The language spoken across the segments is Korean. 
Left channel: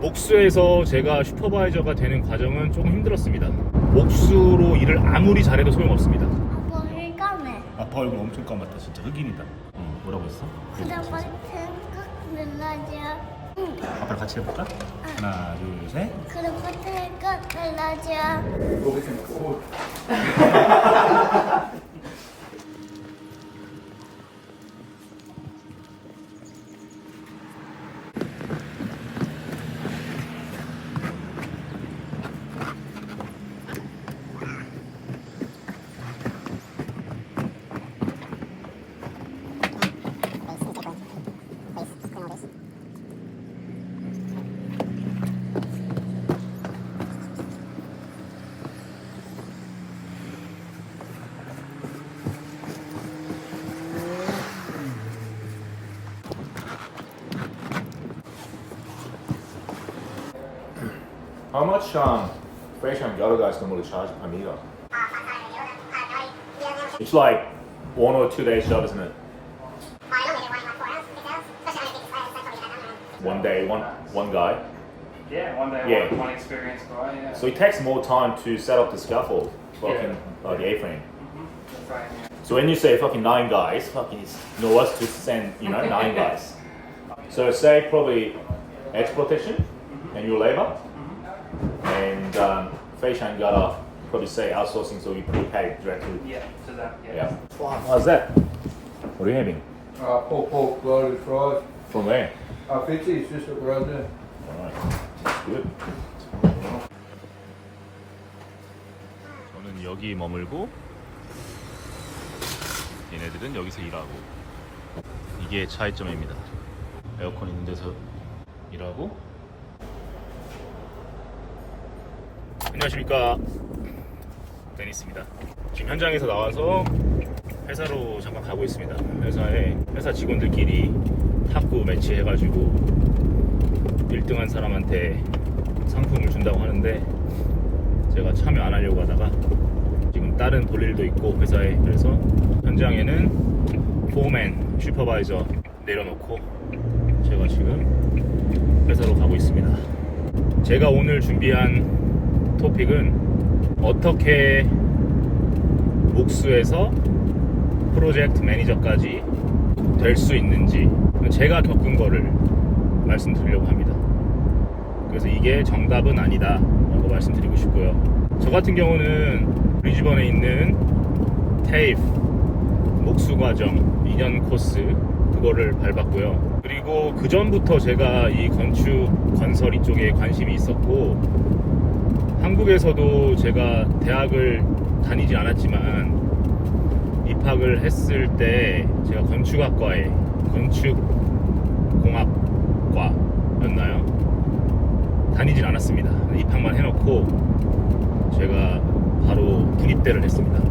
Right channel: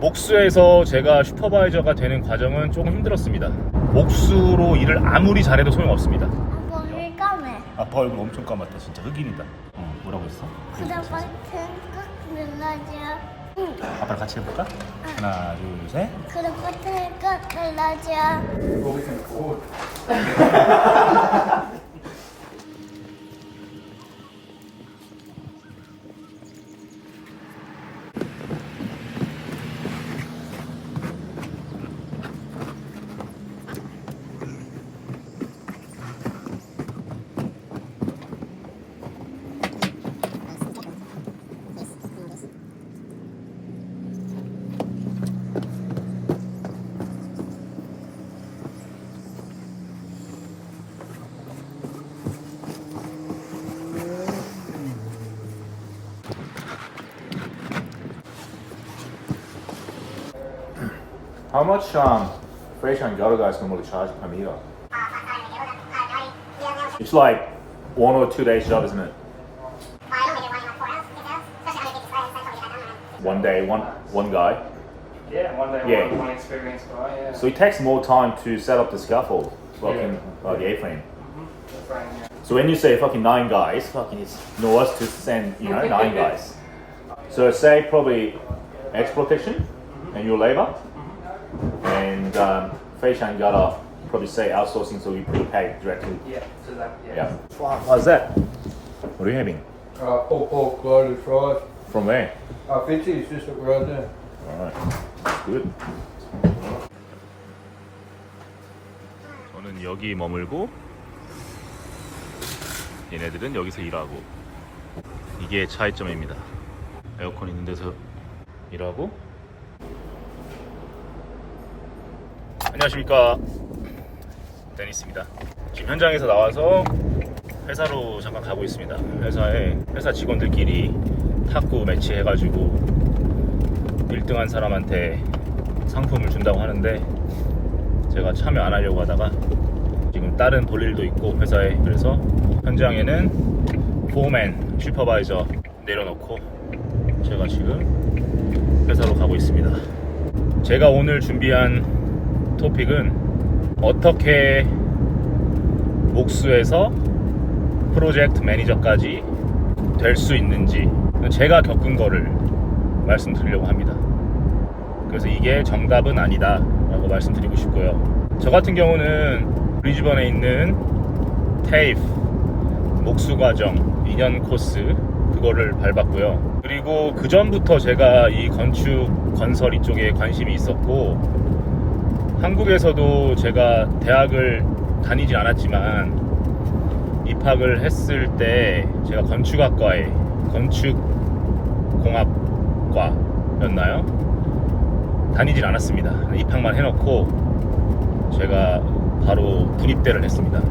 목수에서 제가 슈퍼바이저가 되는 과정은 조금 힘들었습니다. 목수로 일을 아무리 잘해도 소용없습니다. 머리 감해. 아빠 얼굴 엄청 까맣다. 진짜 흑인이다. 뭐라고 했어? 그래서 멜라지야. 응. 아빠랑 같이 해볼까? 하나, 둘, 셋. 그래서 멜라지야. How much Fresh and Ghetto guys normally charge per meter? It's like 1 or 2 days job, isn't it? One day, one guy. Yeah, one day, Yeah. one experienced guy, yeah. So it takes more time to set up the scaffold, fucking the A-frame. That's right, yeah. So when you say fucking 9 guys, fucking it's us to send 9 guys. So say probably edge protection and your labor, and Fresh and Ghetto probably say outsourcing, so we pay directly. Yeah, so that, yeah. Yeah. What's that? What are you having? Pork garlic fried. From where? 50 is just around there. Alright, that's good. 저는 여기 머물고 얘네들은 여기서 일하고, 이게 차이점입니다. 에어컨 있는 데서 일하고. 안녕하십니까, 데니스입니다. 지금 현장에서 나와서 회사로 잠깐 가고 있습니다. 회사 직원들끼리 탁구 매치 해가지고 1등한 사람한테 상품을 준다고 하는데, 제가 참여 안 하려고 하다가 지금 다른 볼 일도 있고 회사에, 그래서 현장에는 포맨, 슈퍼바이저 내려놓고 제가 지금 회사로 가고 있습니다. 제가 오늘 준비한 토픽은 어떻게 목수에서 프로젝트 매니저까지 될 수 있는지, 제가 겪은 거를 말씀드리려고 합니다. 그래서 이게 정답은 아니다 라고 말씀드리고 싶고요. 저 같은 경우는 브리즈번에 있는 테이프 목수 과정 2년 코스, 그거를 밟았고요. 그리고 그 전부터 제가 이 건축 건설 이쪽에 관심이 있었고, 한국에서도 제가 대학을 다니지 않았지만 입학을 했을 때 제가 건축학과에, 건축공학과였나요? 다니진 않았습니다. 입학만 해놓고 제가 바로 군입대를 했습니다.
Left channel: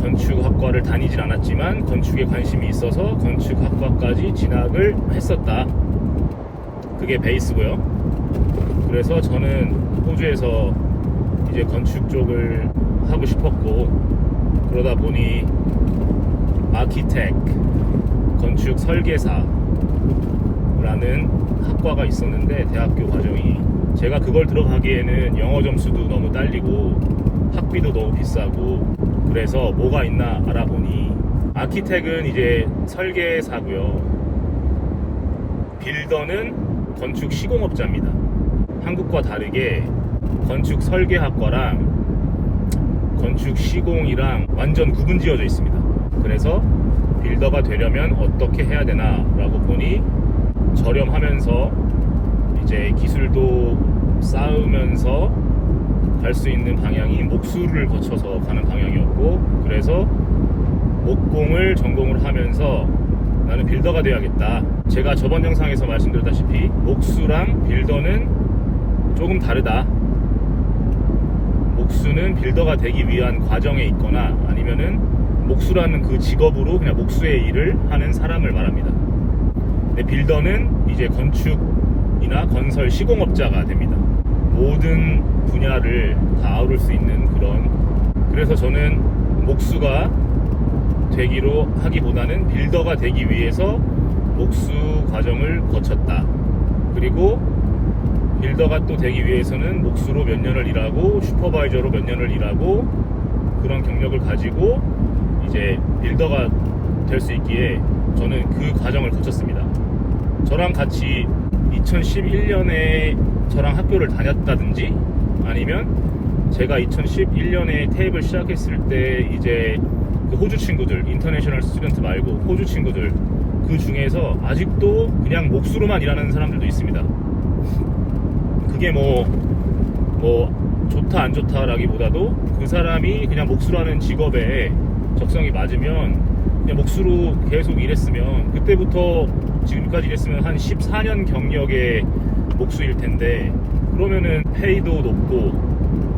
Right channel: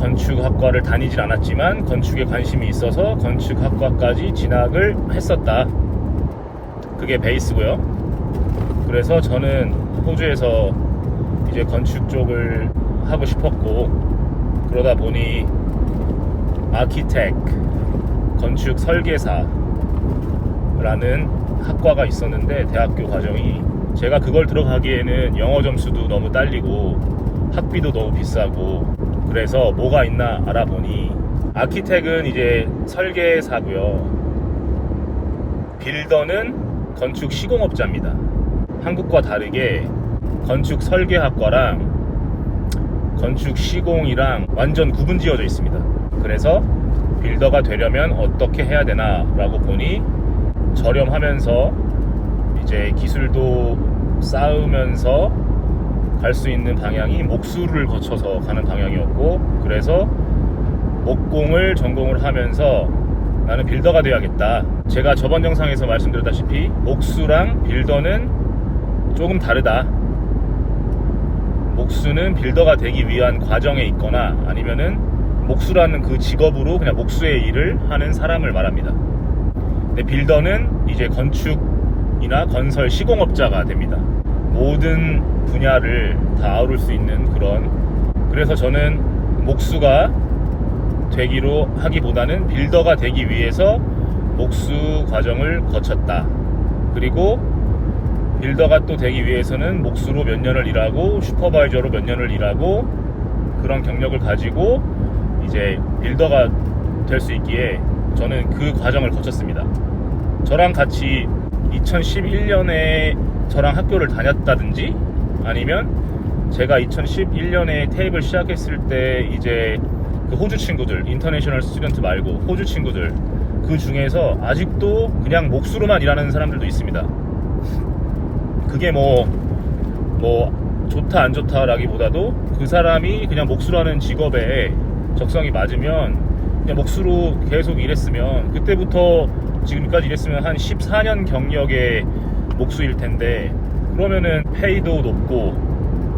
건축학과를 다니진 않았지만 건축에 관심이 있어서 건축학과까지 진학을 했었다. 그게 베이스고요. 그래서 저는 호주에서 이제 건축 쪽을 하고 싶었고, 그러다 보니 아키텍, 건축 설계사라는 학과가 있었는데, 대학교 과정이, 제가 그걸 들어가기에는 영어 점수도 너무 딸리고 학비도 너무 비싸고, 그래서 뭐가 있나 알아보니 아키텍은 이제 설계사고요. 빌더는 건축 시공업자입니다. 한국과 다르게 건축 설계학과랑 건축 시공이랑 완전 구분 지어져 있습니다. 그래서 빌더가 되려면 어떻게 해야 되나 라고 보니, 저렴하면서 이제 기술도 쌓으면서 갈 수 있는 방향이 목수를 거쳐서 가는 방향이었고, 그래서 목공을 전공을 하면서 나는 빌더가 돼야겠다. 제가 저번 영상에서 말씀드렸다시피 목수랑 빌더는 조금 다르다. 목수는 빌더가 되기 위한 과정에 있거나, 아니면은 목수라는 그 직업으로 그냥 목수의 일을 하는 사람을 말합니다. 근데 빌더는 이제 건축이나 건설 시공업자가 됩니다. 모든 분야를 다 아우를 수 있는 그런, 그래서 저는 목수가 되기로 하기보다는 빌더가 되기 위해서 목수 과정을 거쳤다. 그리고 빌더가 또 되기 위해서는 목수로 몇 년을 일하고 슈퍼바이저로 몇 년을 일하고 그런 경력을 가지고 이제 빌더가 될 수 있기에 저는 그 과정을 거쳤습니다. 저랑 같이 2011년에 저랑 학교를 다녔다든지 아니면 제가 2011년에 테이블 시작했을 때 이제 그 호주 친구들, 인터내셔널 스튜던트 말고 호주 친구들 그 중에서 아직도 그냥 목수로만 일하는 사람들도 있습니다. 그게 뭐 좋다 안 좋다라기보다도 그 사람이 그냥 목수라는 직업에 적성이 맞으면 그냥 목수로 계속 일했으면 그때부터 지금까지 일했으면 한 14년 경력의 목수일 텐데 그러면은 페이도 높고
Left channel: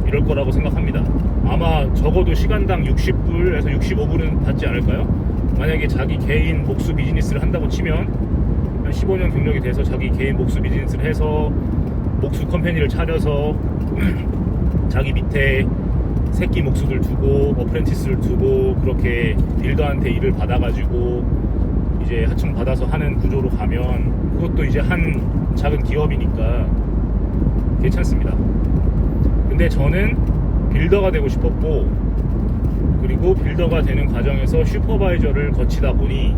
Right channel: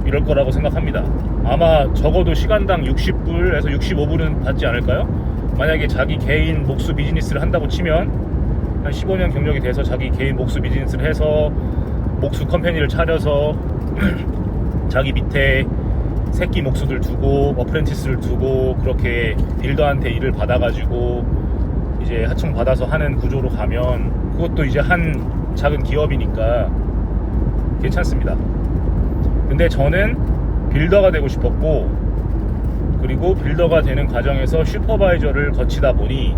이럴 거라고 생각합니다. 아마 적어도 시간당 60불에서 65불은 받지 않을까요? 만약에 자기 개인 목수 비즈니스를 한다고 치면 한 15년 경력이 돼서 자기 개인 목수 비즈니스를 해서 목수 컴퍼니를 차려서 자기 밑에 새끼 목수들 두고 어프렌티스를 두고 그렇게 빌더한테 일을 받아가지고 이제 하청 받아서 하는 구조로 가면 그것도 이제 한 작은 기업이니까 괜찮습니다. 근데 저는 빌더가 되고 싶었고 그리고 빌더가 되는 과정에서 슈퍼바이저를 거치다 보니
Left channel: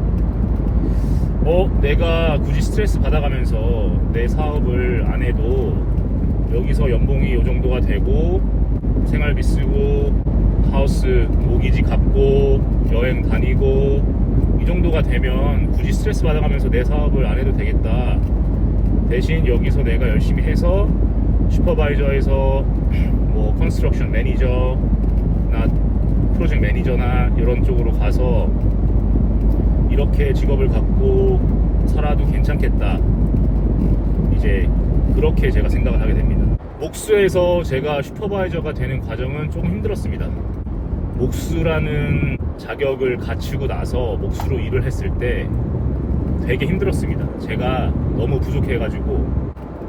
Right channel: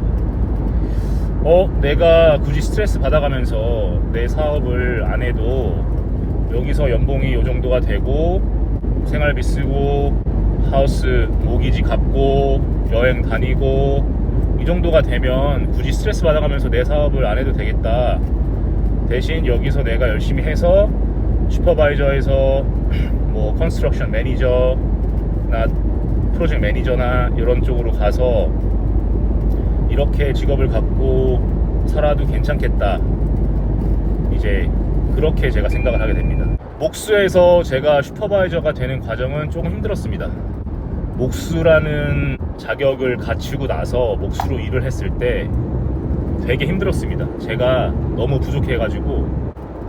내가 굳이 스트레스 받아가면서 내 사업을 안 해도 여기서 연봉이 요 정도가 되고 생활비 쓰고 하우스 모기지 갚고 여행 다니고 이 정도가 되면 굳이 스트레스 받아가면서 내 사업을 안 해도 되겠다. 대신 여기서 내가 열심히 해서 슈퍼바이저에서 뭐 컨스트럭션 매니저나 프로젝트 매니저나 이런 쪽으로 가서 이렇게 직업을 갖고 살아도 괜찮겠다. 이제 그렇게 제가 생각을 하게 됩니다. 목수에서 제가 슈퍼바이저가 되는 과정은 조금 힘들었습니다. 목수라는 자격을 갖추고 나서 목수로 일을 했을 때 되게 힘들었습니다. 제가 너무 부족해가지고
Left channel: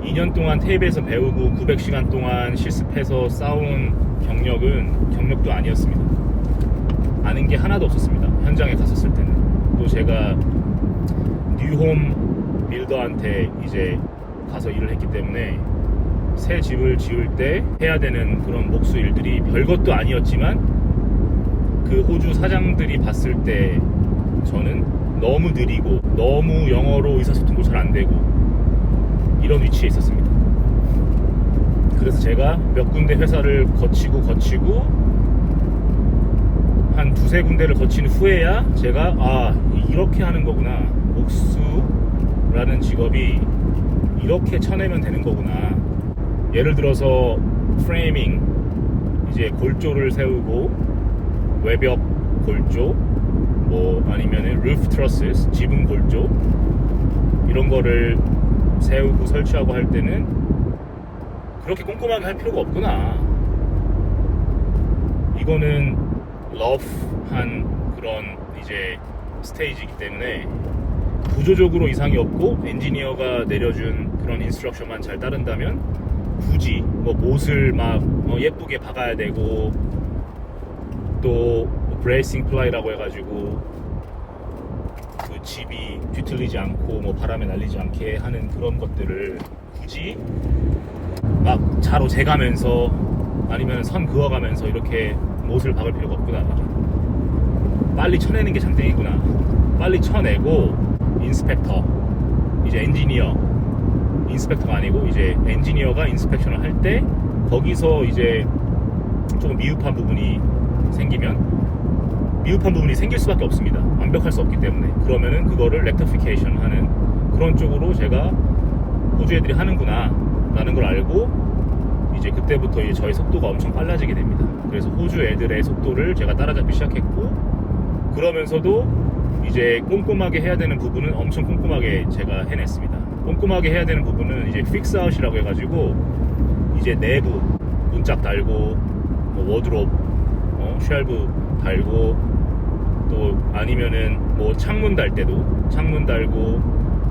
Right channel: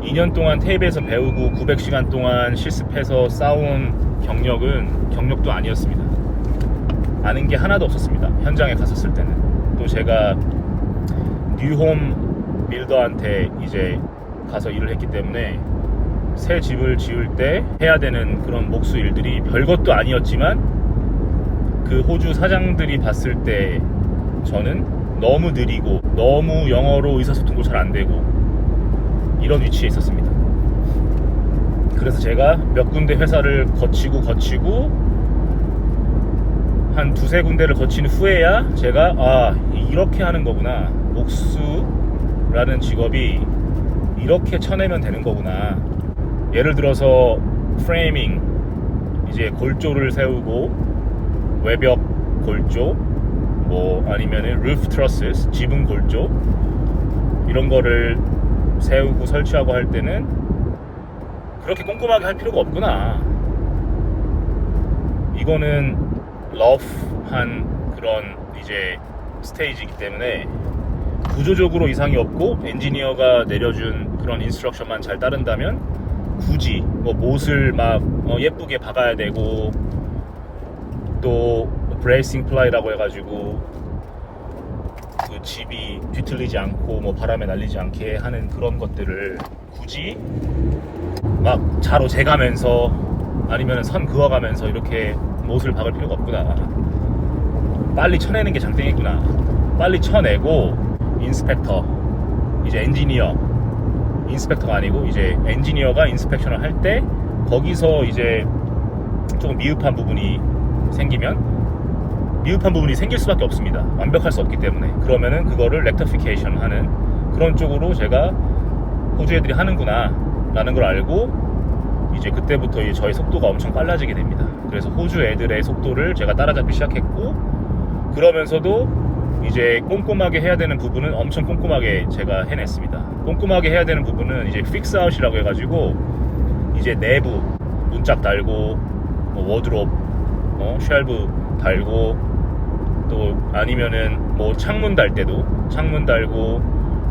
2년 동안 테이블에서 배우고 900시간 동안 실습해서 쌓은 경력도 아니었습니다. 아는 게 하나도 없었습니다. 현장에 갔었을 때는. 또 제가 뉴홈 빌더한테 이제 가서 일을 했기 때문에 새 집을 지을 때 해야 되는 그런 목수 일들이 별것도 아니었지만 그 호주 사장들이 봤을 때 저는 너무 느리고 너무 영어로 의사소통도 잘 안 되고 이런 위치에 있었습니다. 그래서 제가 몇 군데 회사를 거치고 한 두세 군데를 거친 후에야 제가 이렇게 하는 거구나, 목수라는 직업이 이렇게 쳐내면 되는 거구나. 예를 들어서 프레이밍, 이제 골조를 세우고 외벽 골조, 뭐 아니면은 루프 트러스, 지붕 골조 이런 거를 세우고 설치하고 할 때는 그렇게 꼼꼼하게 할 필요가 없구나. 이거는 러프한 그런 이제 스테이지이기 때문에 구조적으로 이상이 없고 엔지니어가 내려준 그런 인스트럭션만 잘 따른다면 굳이 뭐 못을 막 예쁘게 박아야 되고 또 브레이싱 플라이라고 해가지고 그 집이 뒤틀리지 않고 뭐 바람에 날리지 않게 하는 그런 것들을 굳이 막 자로 재가면서 아니면 선 그어가면서 이렇게 못을 박을 필요가 없구나. 빨리 쳐내는 게 장땡이구나. 빨리 쳐내고 인스펙터, 이제 엔지니어, 인스펙터가 아니고 이제 엔지니어가 인스펙션을 할 때 거기서 이제 조금 미흡한 부분이 생길 수밖에 없습니다. 완벽할 수 없기 때문에. 그러면은 그거를 렉터피케이션 하는 그런 쪽으로 제가 호주 애들이 하는구나 라는 걸 알고 이제 그때부터 이제 저의 속도가 엄청 빨라지게 됩니다. 그래서 호주 애들의 속도를 제가 따라잡기 시작했고, 그러면서도 이제 꼼꼼하게 해야 되는 부분은 엄청 꼼꼼하게 제가 해냈습니다. 꼼꼼하게 해야 되는 부분은 이제 픽스 아웃이라고 해가지고 이제 내부 문짝 달고 뭐 워드롭, 쉘브 달고 또 아니면은 뭐 창문 달 때도 창문 달고,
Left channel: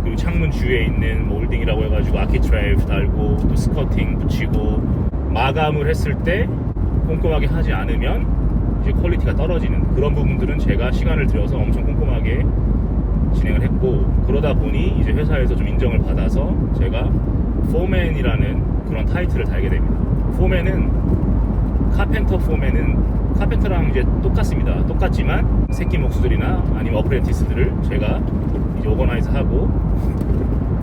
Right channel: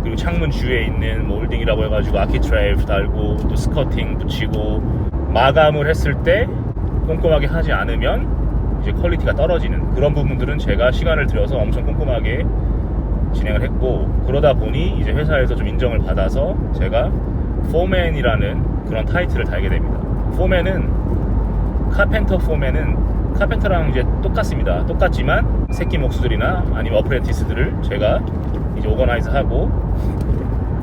그리고 창문 주위에 있는 몰딩이라고 해가지고 아키트레이프 달고 또 스커팅 붙이고, 마감을 했을 때 꼼꼼하게 하지 않으면 이제 퀄리티가 떨어지는 그런 부분들은 제가 시간을 들여서 엄청 꼼꼼하게 진행을 했고, 그러다 보니 이제 회사에서 좀 인정을 받아서 제가 포맨이라는 그런 타이틀을 달게 됩니다. 포맨은 카펜터랑 이제 똑같습니다. 똑같지만 새끼 목수들이나 아니면 어프렌티스들을 제가 이제 오거나이즈하고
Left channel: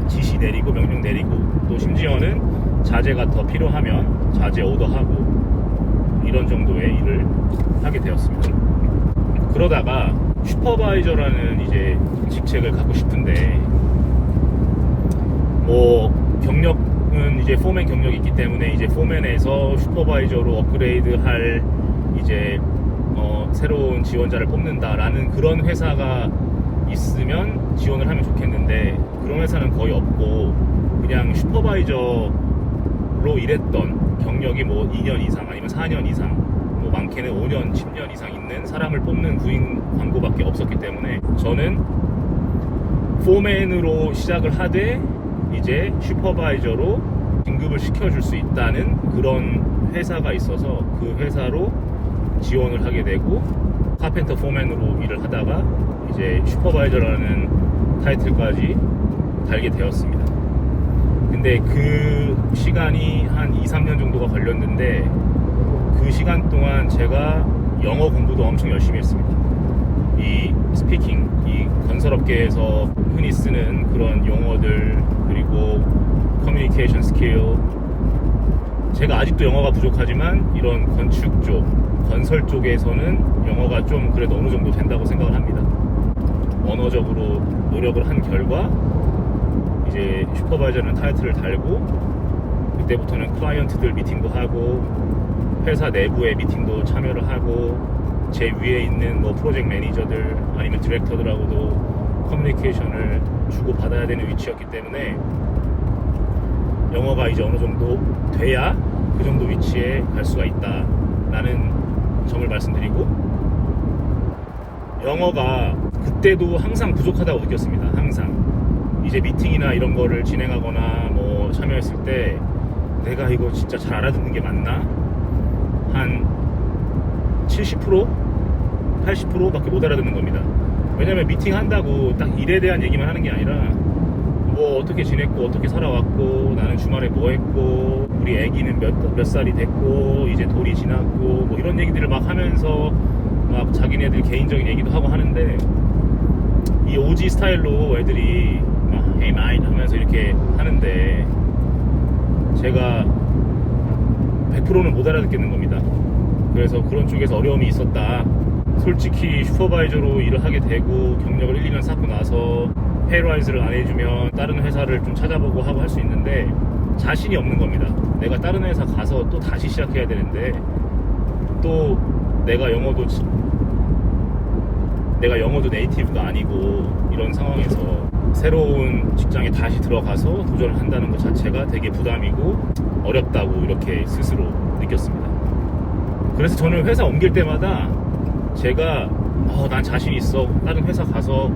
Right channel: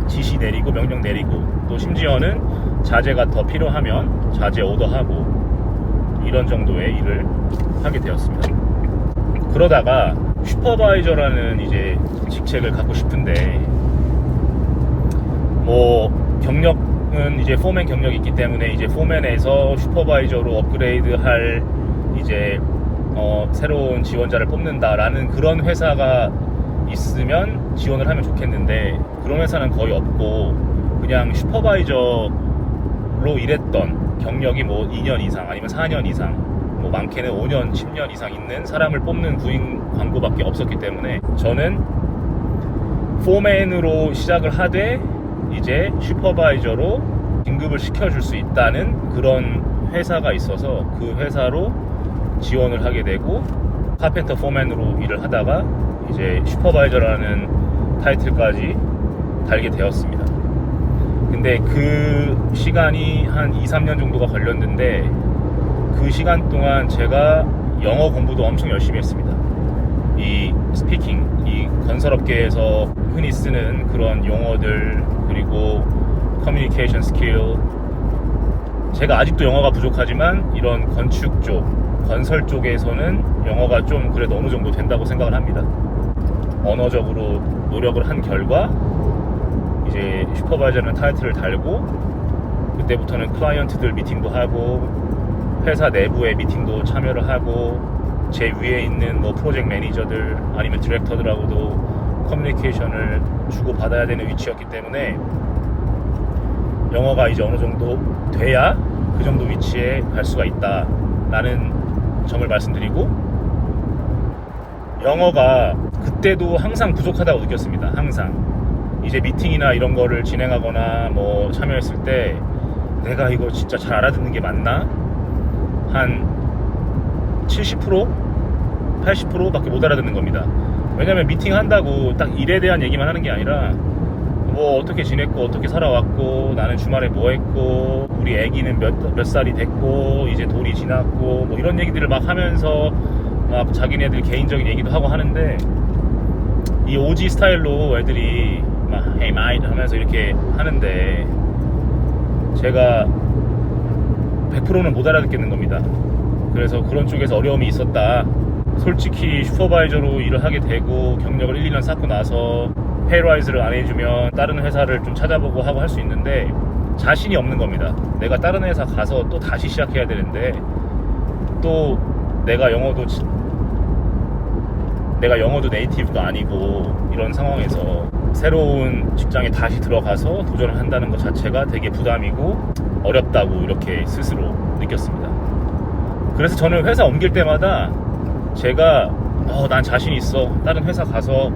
지시 내리고 명령 내리고 또 심지어는 자재가 더 필요하면 자재 오더하고 이런 정도의 일을 하게 되었습니다. 그러다가 슈퍼바이저라는 이제 직책을 갖고 싶은데 뭐 경력은 이제 포맨 경력이 있기 때문에 이제 포맨에서 슈퍼바이저로 업그레이드할 이제 새로운 지원자를 뽑는다라는 그런 회사가 있으면 지원을 하면 좋겠는데 그런 회사는 거의 없고 그냥 슈퍼바이저로 일했던 경력이 뭐 2년 이상 아니면 4년 이상 뭐 많게는 5년, 10년 이상 있는 사람을 뽑는 구인 광고밖에 없었기 때문에 저는 포맨으로 시작을 하되 이제 슈퍼바이저로 진급을 시켜줄 수 있다는 그런 회사가 있어서 그 회사로 지원을 하게 되고 카펜터 포맨으로 일을 하다가 이제 슈퍼바이저라는 타이틀까지 달게 되었습니다. 근데 그 시간이 한 2-3년 정도가 걸렸는데 그 시간 동안 제가 영어 공부도 엄청 열심히 했습니다. 이 스피킹, 이 건설업계에서 흔히 쓰는 그런 용어들 그리고 커뮤니케이션 스킬 제가 아직도 영어가 부족하지만 이런 건축 쪽, 건설 쪽에서는 영어가 좀 그래도 어느 정도 된다고 생각을 합니다. 언어적으로 노력을 한 결과 이제 슈퍼바이저라는 타이틀을 달고 그때부터는 클라이언트들 미팅도 하고 회사 내부의 미팅도 참여를 하고 제 위에 있는 뭐 프로젝트 매니저들 아니면 디렉터들하고도 커뮤니케이션을 주고받아야 되는 위치였기 때문에 영어가 이제 어느 정도 돼야 그 정도 위치에 갈 수가 있다 라는 점을 말씀드리고 영어가 그때도 항상 부족하다고 느꼈습니다. 항상 이제 미팅이나 이런 거를 진행하거나 뭐 참여했을 때 내가 이거 진짜 잘 알아듣는 게 맞나? 한 70%? 80%밖에 못 알아듣는 겁니다. 왜냐면 미팅 한다고 딱 일에 대한 얘기만 하는 게 아니라 뭐 어떻게 지냈고 어떻게 살아왔고 나는 주말에 뭐 했고 우리 애기는 몇 살이 됐고 이제 돌이 지났고 뭐 이런 얘기들을 막 하면서 막 자기네들 개인적인 얘기도 하고 하는데 이 OG 스타일로 애들이 막 Hey mate 하면서 이렇게 하는데 제가 100%는 못 알아듣겠는 겁니다. 그래서 그런 쪽에서 어려움이 있었다. 솔직히 슈퍼바이저로 일을 하게 되고 경력을 1-2년 쌓고 나서 페이라이즈를 안 해주면 다른 회사를 좀 찾아보고 하고 할 수 있는데 자신이 없는 겁니다. 내가 다른 회사 가서 또 다시 시작해야 되는데 또 내가 영어도 네이티브가 아니고 이런 상황에서 새로운 직장에 다시 들어가서 도전을 한다는 것 자체가 되게 부담이고 어렵다고 이렇게 스스로 느꼈습니다. 그래서 저는 회사 옮길 때마다 제가 난 자신 있어. 다른 회사 가서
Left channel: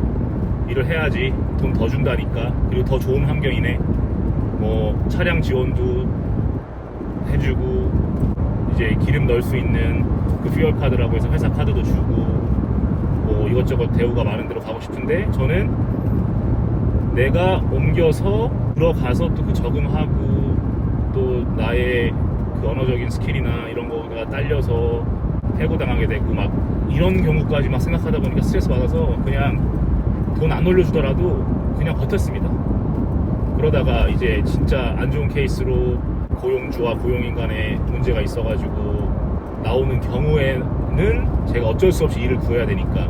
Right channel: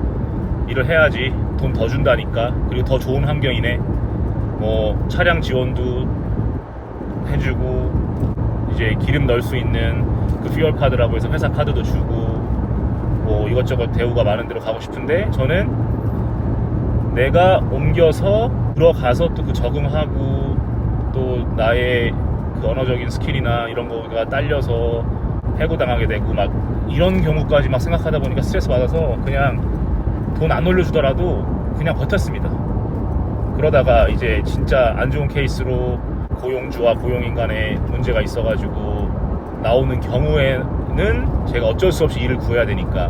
일을 해야지. 돈 더 준다니까. 그리고 더 좋은 환경이네. 뭐 차량 지원도 해주고 이제 기름 넣을 수 있는 그 퓨얼 카드라고 해서 회사 카드도 주고 뭐 이것저것 대우가 많은 데로 가고 싶은데 저는 내가 옮겨서 들어가서 또 그 적응하고 또 나의 그 언어적인 스킬이나 이런 거가 딸려서 해고당하게 되고 막 이런 경우까지 막 생각하다 보니까 스트레스 받아서 그냥 돈 안 올려주더라도 그냥 버텼습니다. 그러다가 이제 진짜 안 좋은 케이스로 고용주와 고용인 간에 문제가 있어가지고 나오는 경우에는 제가 어쩔 수 없이 일을 구해야 되니까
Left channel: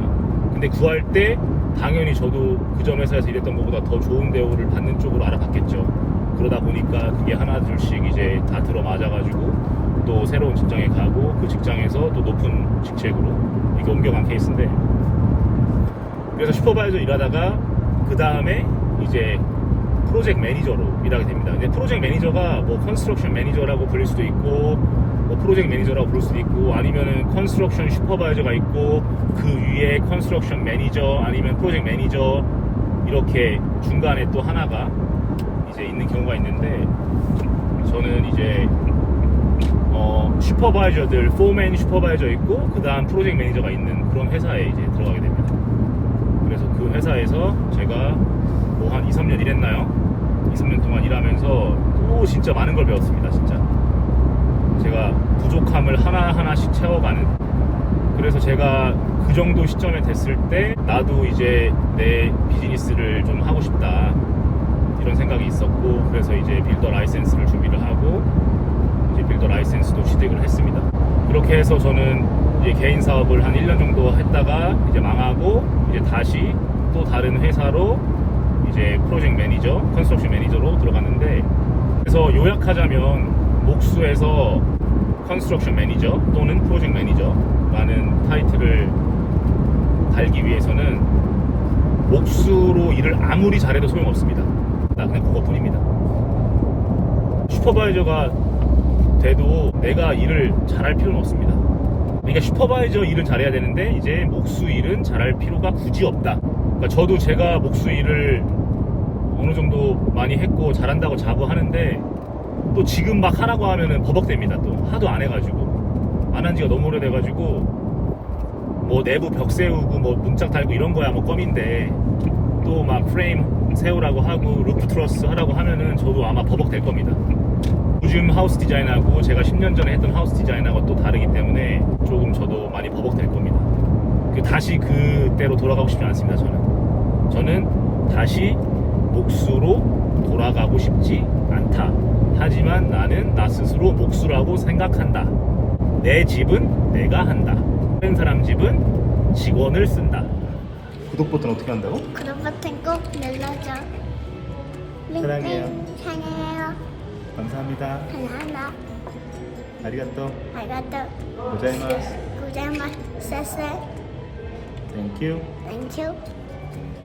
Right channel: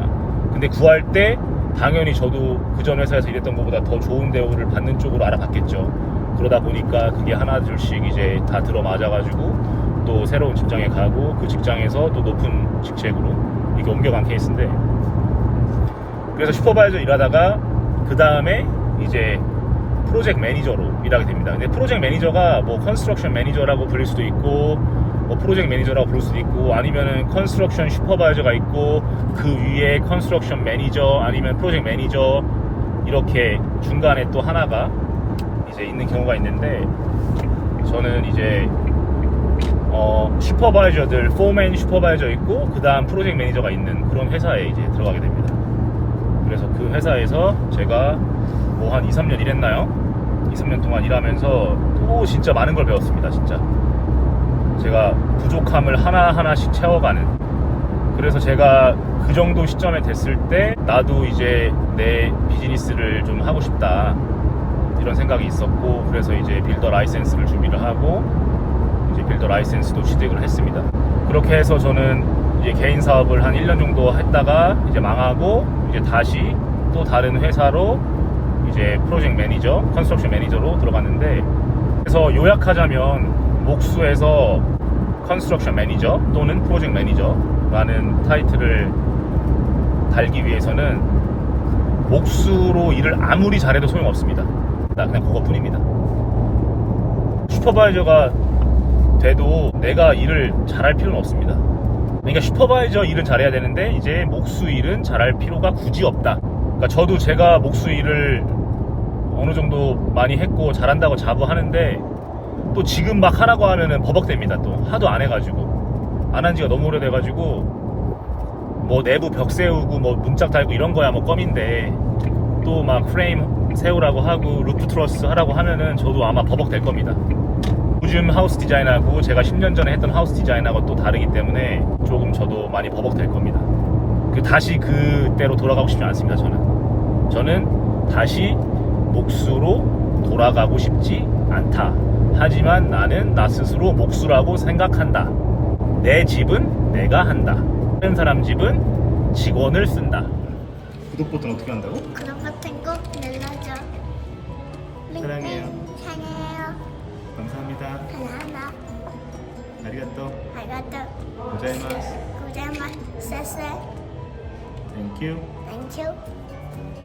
근데 구할 때 당연히 저도 그전 회사에서 일했던 것보다 더 좋은 대우를 받는 쪽으로 알아봤겠죠. 그러다 보니까 그게 하나 둘씩 이제 다 들어맞아가지고 또 새로운 직장에 가고 그 직장에서 또 높은 직책으로 이게 옮겨간 케이스인데 그래서 슈퍼바이저 일하다가 그 다음에 이제 프로젝트 매니저로 일하게 됩니다. 근데 프로젝트 매니저가 뭐 컨스트럭션 매니저라고 불릴 수도 있고 뭐 프로젝트 매니저라고 부를 수도 있고 아니면은 컨스트럭션 슈퍼바이저가 있고 그 위에 컨스트럭션 매니저 아니면 프로젝트 매니저 이렇게 중간에 또 하나가 이제 있는 경우가 있는데 저는 이제 슈퍼바이저들 포맨 슈퍼바이저 있고 그 다음 프로젝트 매니저가 있는 그런 회사에 이제 들어가게 됩니다. 그래서 그 회사에서 제가 뭐 한 2-3년 일했나요? 2-3년 동안 일하면서 또 또 진짜 많은 걸 배웠습니다. 진짜 제가 부족함을 하나하나씩 채워가는, 그래서 제가 그 정도 시점에 됐을 때 나도 이제 내 비즈니스를 좀 하고 싶다 이런 생각이 있었고, 그래서 이제 빌더 라이센스를 준비를 하고 이제 빌더 라이센스도 취득을 했습니다. 그렇게 해서 저는 이제 개인 사업을 한 1년 정도 했다가 이제 망하고 이제 다시 또 다른 회사로 이제 프로젝트 매니저, 컨스트럭션 매니저로 들어갔는데, 그래서 요약하자면 목수에서 컨스트럭션 매니저 또는 프로젝트 매니저라는 타이틀을 달기 위해서는 목수로 일을 아무리 잘해도 소용없습니다. 나 그냥 그것뿐입니다. 슈퍼바이저가 돼도 내가 일을 잘할 필요는 없습니다. 그러니까 슈퍼바이저 일은 잘해야 되는데 이제 목수 일은 잘할 필요가 굳이 없다. 그러니까 저도 제가 목수 일을 어느 정도 많이 했고 잘한다고 자부하는데 또 지금 막 하라고 하면은 버벅댑니다. 또 하도 안 해가지고, 안 한 지가 너무 오래돼가지고 뭐 내부 벽 세우고 뭐 문짝 달고 이런 거야 뭐 껌인데, 또 막 프레임 세우라고 하고 루프 트러스 하라고 하면은 저도 아마 버벅될 겁니다. 요즘 하우스 디자인하고 제가 10년 전에 했던 하우스 디자인하고 또 다르기 때문에 조금 저도 많이 버벅될 겁니다. 다시 그때로 돌아가고 싶지 않습니다. 저는 다시 목수로 돌아가고 싶지 않다. 하지만 나는 나 스스로 목수라고 생각한다. 내 집은 내가 한다. 다른 사람 집은 직원을 쓴다. 구독 버튼 어떻게 한다고? 구독 버튼 꼭 눌러줘. 사랑해요. 사랑해요. 감사합니다. 하나하나. 아리가또. 아리가또. 고자이마스. 고자이마스. 쎄쎄. 땡큐. 땡큐.